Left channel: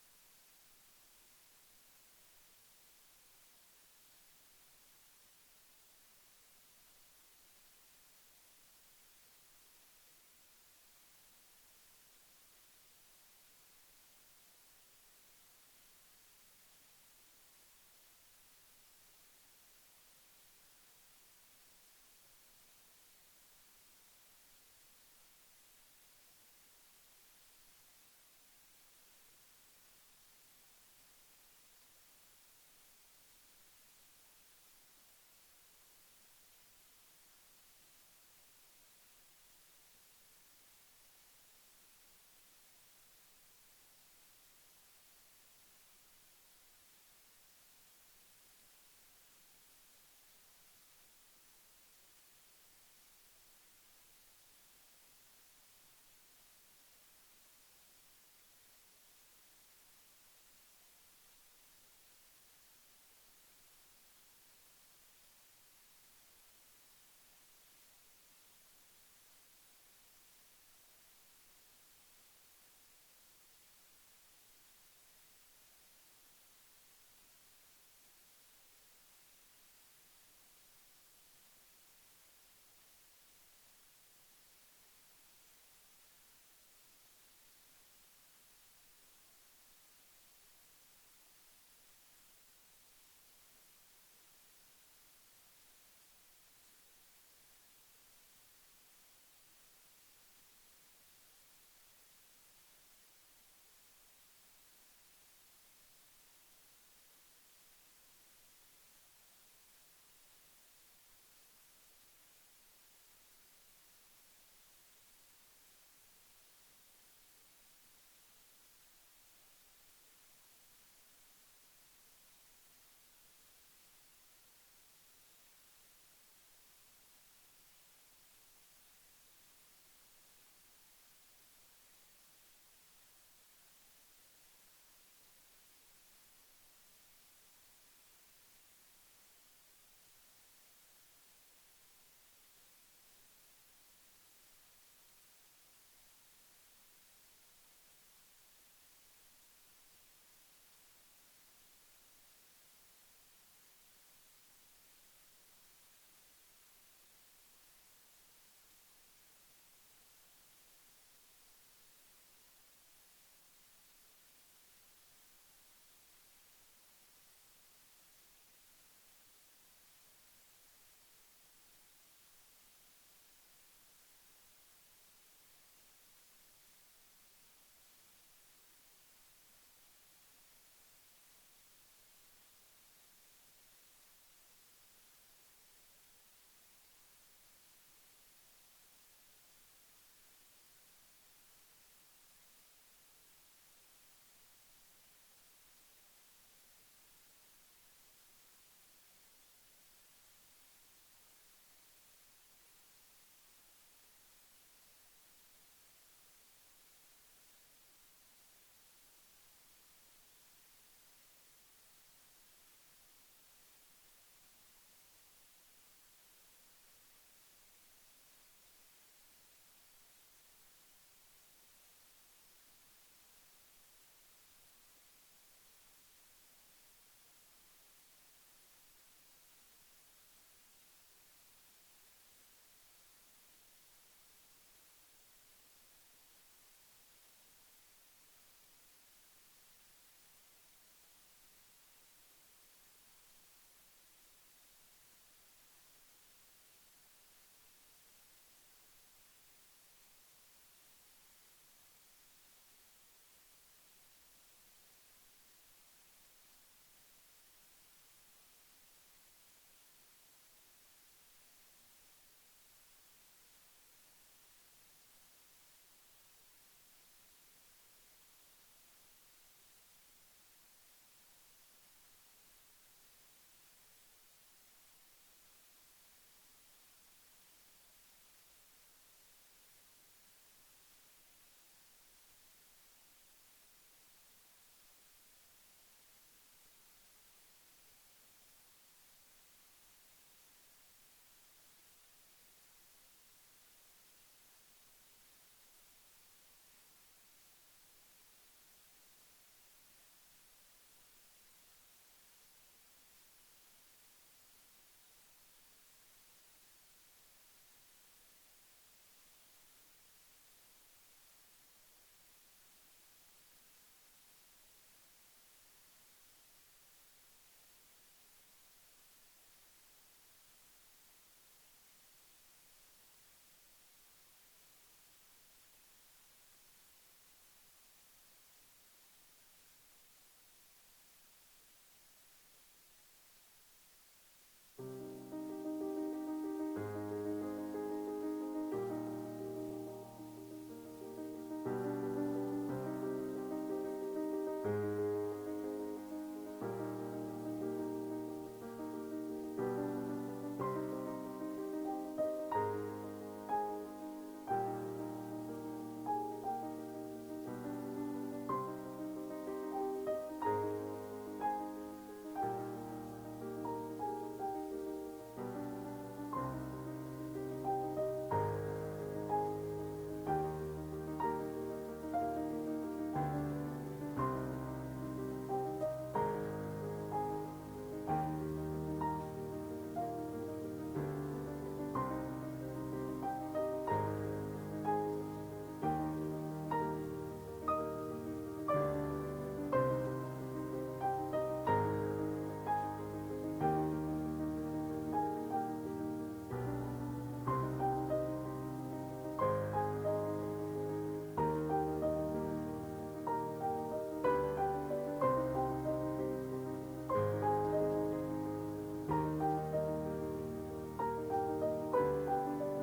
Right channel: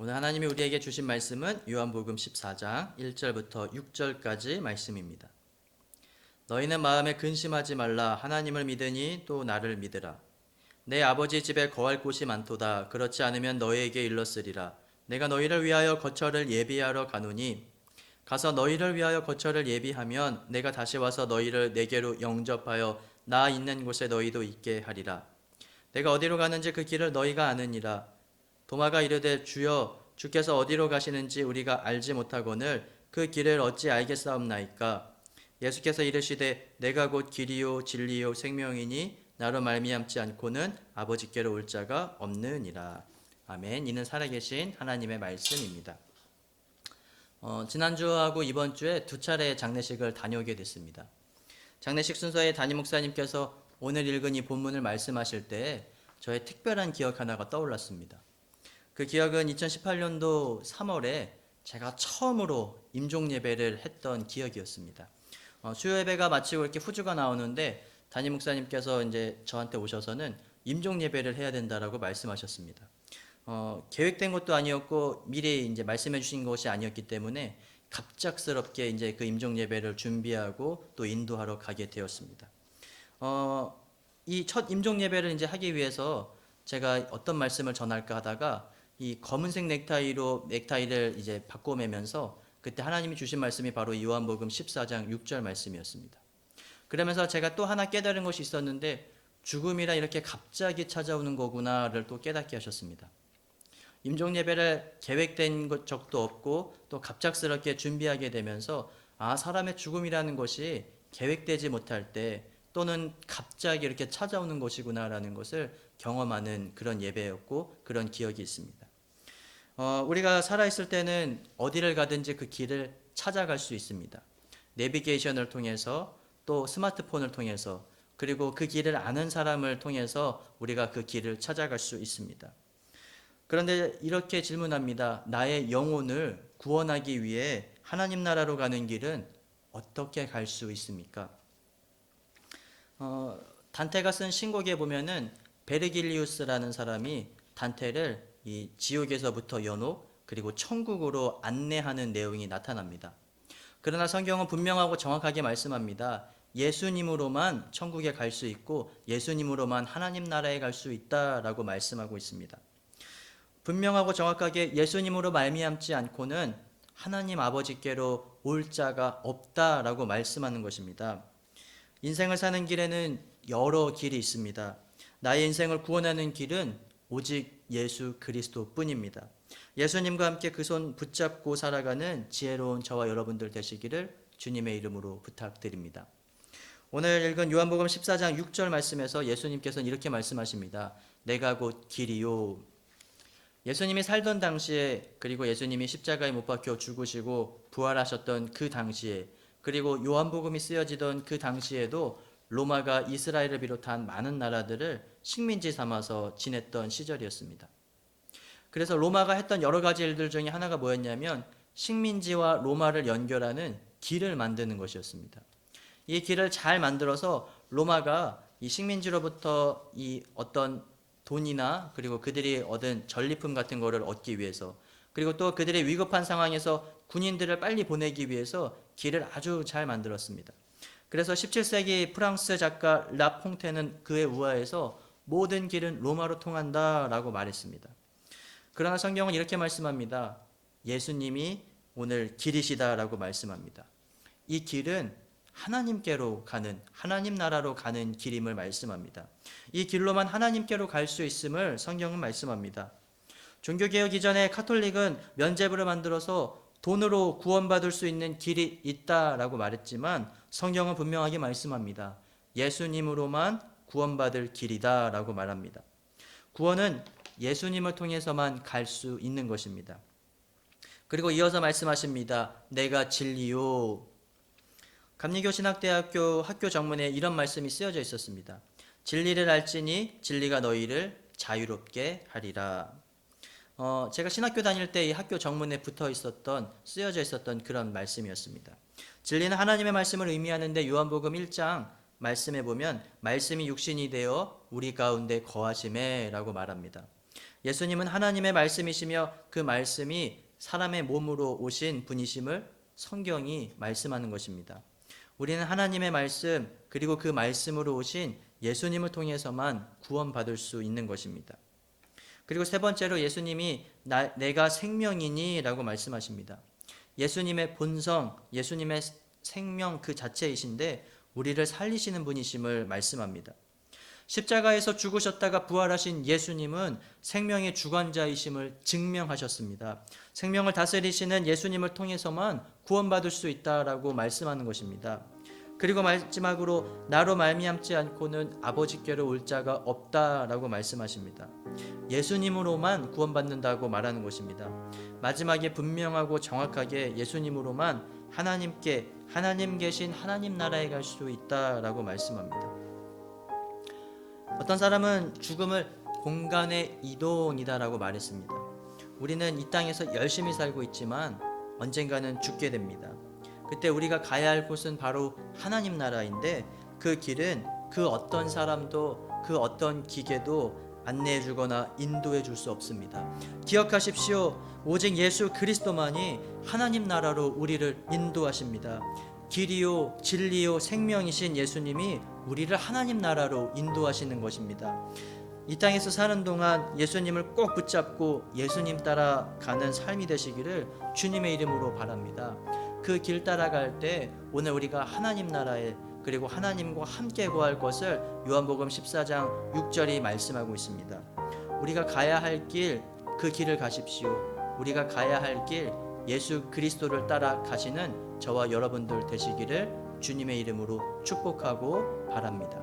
오늘 하나님이 우리에게 주신 말씀은 요한복음 14장 1절부터 6절까지 말씀입니다. 너희는 마음에 근심하지 말라. 하나님을 믿으니 또 나를 믿으라. 내 아버지 집에 거할 곳이 많도다. 그렇지 않으면 너희에게 일렀으리라. 내가 너희를 위하여 거처를 예비하러 가노니 가서 너희를 위하여 거처를 예비하면 내가 다시 와서 너희를 내게로 영접하여 나 있는 곳에 너희도 있게 하리라. 내가 어디로 가는지 그 길을 너희가 아느니라. 도마가 이르되 주여 주께서 어디로 가시는지 우리가 알지 못하거늘 그 길을 어찌 알겠사옵나이까. 예수께서 이르시되 내가 곧 길이요 진리요 생명이니 나로 말미암지 않고는 아버지께로 올 자가 없느니라. 아멘. 이는 살아계신 하나님의 말씀입니다. 지난주하고 이번 주에 두 차례 장례식을 다녀오게 됐습니다. 장례식 순서에 담임 목사님께서 오늘 읽은 이 본문을 말씀하실 때 저의 특별한 기억 하나가 떠올랐습니다. 그 기억은 2018년도 3월에 제가 처음으로 임종 예배를 했던 기억이었습니다. 수요 예배가 마치고 이렇게 후주가 나오는데 담임 목사님께서 이제 저한테 오셔서는 임종 예배를 해야 된다라고 말씀하셨습니다. 계획된 것도 아니었고 미리 이제 말씀해 주신 것이 아니었기 때문에 갑작스럽게 이제 그 임종 예배를 준비하고 또 인도하러 가게 되었습니다. 이 첫 임종 예배를 이제 하기 위해서 제가 어떤 말씀을 전할까 하다가 이 검은색 넥타이를 이제 바꿔매면서 그때 하나님이 주신 말씀이 바로 요한복음 14장 6절 말씀이었습니다. 그러면서 제가 또 하나 깨달은 것이 있었는데 죽음이라 이렇게 갑자기 찾아오는 거구나를 또 깨닫게 하셨습니다. 임종 예배를 계획된 적도 없고 또 갑작스럽게 준비하게 되면서 사람의 죽음이라는 것이 계획되지 못할 때 또는 갑자기 이렇게 찾아오는 것이구나라는 것을 경험하는 그런 예배였고 그런 기억이 있습니다. 우리가 살아있을 때는 어디를 가든지 그 길을 찾아갈 수 있습니다. 내비게이션을 통해서 또 스마트폰을 통해서 그리고 그 길을 아는 사람을 통해서 우리가 그 길을 찾아갈 수 있습니다. 그런데 이렇게 질문합니다. 나의 영혼을 구원하기 위해 하나님 나라로 가는 길은 어떻게 갈 수 있습니까? 단테가 쓴 신곡에 보면은 베르길리우스라는 사람이 단테를 이 지옥에서부터 연옥 그리고 천국으로 안내하는 내용이 나타납니다. 그러나 성경은 분명하고 정확하게 말씀합니다. 예수님으로만 천국에 갈 수 있고 예수님으로만 하나님 나라에 갈 수 있다라고 말씀하고 있습니다. 분명하고 정확하게 예수님으로 말미암지 않고는 하나님 아버지께로 올 자가 없다라고 말씀하는 것입니다. 인생을 사는 길에는 여러 길이 있습니다. 나의 인생을 구원하는 길은 오직 예수 그리스도 뿐입니다. 예수님과 함께 그 손 붙잡고 살아가는 지혜로운 저와 여러분들 되시기를 주님의 이름으로 부탁드립니다. 오늘 읽은 요한복음 14장 6절 말씀에서 예수님께서는 이렇게 말씀하십니다. 내가 곧 길이요. 예수님이 살던 당시에 그리고 예수님이 십자가에 못 박혀 죽으시고 부활하셨던 그 당시에 그리고 요한복음이 쓰여지던 그 당시에도 로마가 이스라엘을 비롯한 많은 나라들을 식민지 삼아서 지냈던 시절이었습니다. 그래서 로마가 했던 여러 가지 일들 중에 하나가 뭐였냐면 식민지와 로마를 연결하는 길을 만드는 것이었습니다. 이 길을 잘 만들어서 로마가 이 식민지로부터 이 어떤 돈이나 그리고 그들이 얻은 전리품 같은 거를 얻기 위해서 그리고 또 그들의 위급한 상황에서 군인들을 빨리 보내기 위해서 길을 아주 잘 만들었습니다. 그래서 17세기 프랑스 작가 라퐁테는 그의 우화에서 모든 길은 로마로 통한다라고 말했습니다. 그러나 성경은 이렇게 말씀합니다. 예수님이 오늘 길이시다라고 말씀합니다. 이 길은 하나님께로 가는 하나님 나라로 가는 길임을 말씀합니다. 이 길로만 하나님께로 갈 수 있음을 성경은 말씀합니다. 종교개혁 이전에 카톨릭은 면죄부를 만들어서 돈으로 구원받을 수 있는 길이 있다라고 말했지만 성경은 분명하게 말씀합니다. 예수님으로만 구원받을 길이다라고 말합니다. 구원은 예수님을 통해서만 갈 수 있는 것입니다. 그리고 이어서 말씀하십니다. 내가 진리요. 감리교 신학대학교 학교 정문에 이런 말씀이 쓰여져 있었습니다. 진리를 알지니 진리가 너희를 자유롭게 하리라. 제가 신학교 다닐 때 이 학교 정문에 쓰여져 있었던 그런 말씀이었습니다. 진리는 하나님의 말씀을 의미하는데 요한복음 1장 말씀에 보면 말씀이 육신이 되어 우리 가운데 거하심에 라고 말합니다. 예수님은 하나님의 말씀이시며 그 말씀이 사람의 몸으로 오신 분이심을 성경이 말씀하는 것입니다. 우리는 하나님의 말씀 그리고 그 말씀으로 오신 예수님을 통해서만 구원받을 수 있는 것입니다. 그리고 세 번째로 예수님이 내가 생명이니 라고 말씀하십니다. 예수님의 본성, 예수님의 생명 그 자체이신데 우리를 살리시는 분이심을 말씀합니다. 십자가에서 죽으셨다가 부활하신 예수님은 생명의 주관자이심을 증명하셨습니다. 생명을 다스리시는 예수님을 통해서만 구원받을 수 있다라고 말씀하는 것입니다. 그리고 마지막으로 나로 말미암지 않고는 아버지께로 올 자가 없다라고 말씀하십니다. 예수님으로만 구원받는다고 말하는 것입니다. 마지막에 분명하고 정확하게 예수님으로만 하나님 계신 하나님 나라에 갈 수 있다라고 말씀합니다. 어떤 사람은 죽음을 공간의 이동이다라고 말했습니다. 우리는 이 땅에서 열심히 살고 있지만 언젠가는 죽게 됩니다. 그때 우리가 가야 할 곳은 바로 하나님 나라인데 그 길은 그 어떤 사람도 그 어떤 기계도 안내해 주거나 인도해 줄 수 없습니다. 기억하십시오. 오직 예수 그리스도만이 하나님 나라로 우리를 인도하십니다. 길이요 진리요 생명이신 예수님이 우리를 하나님 나라로 인도하시는 것입니다. 이 땅에서 사는 동안 예수님을 꼭 붙잡고 예수님 따라가는 삶이 되시기를 주님의 이름으로 바랍니다. 그 길 따라갈 때 오늘 우리가 하나님 나라에 그리고 하나님과 함께 거할 것을 요한복음 14장 6절이 말씀하고 있습니다. 우리가 가야 할 길, 그 길을 가십시오. 우리가 가야 할 길, 예수 그리스도를 따라 가시는 저와 여러분들 되시기를 주님의 이름으로 축복하고 바랍니다.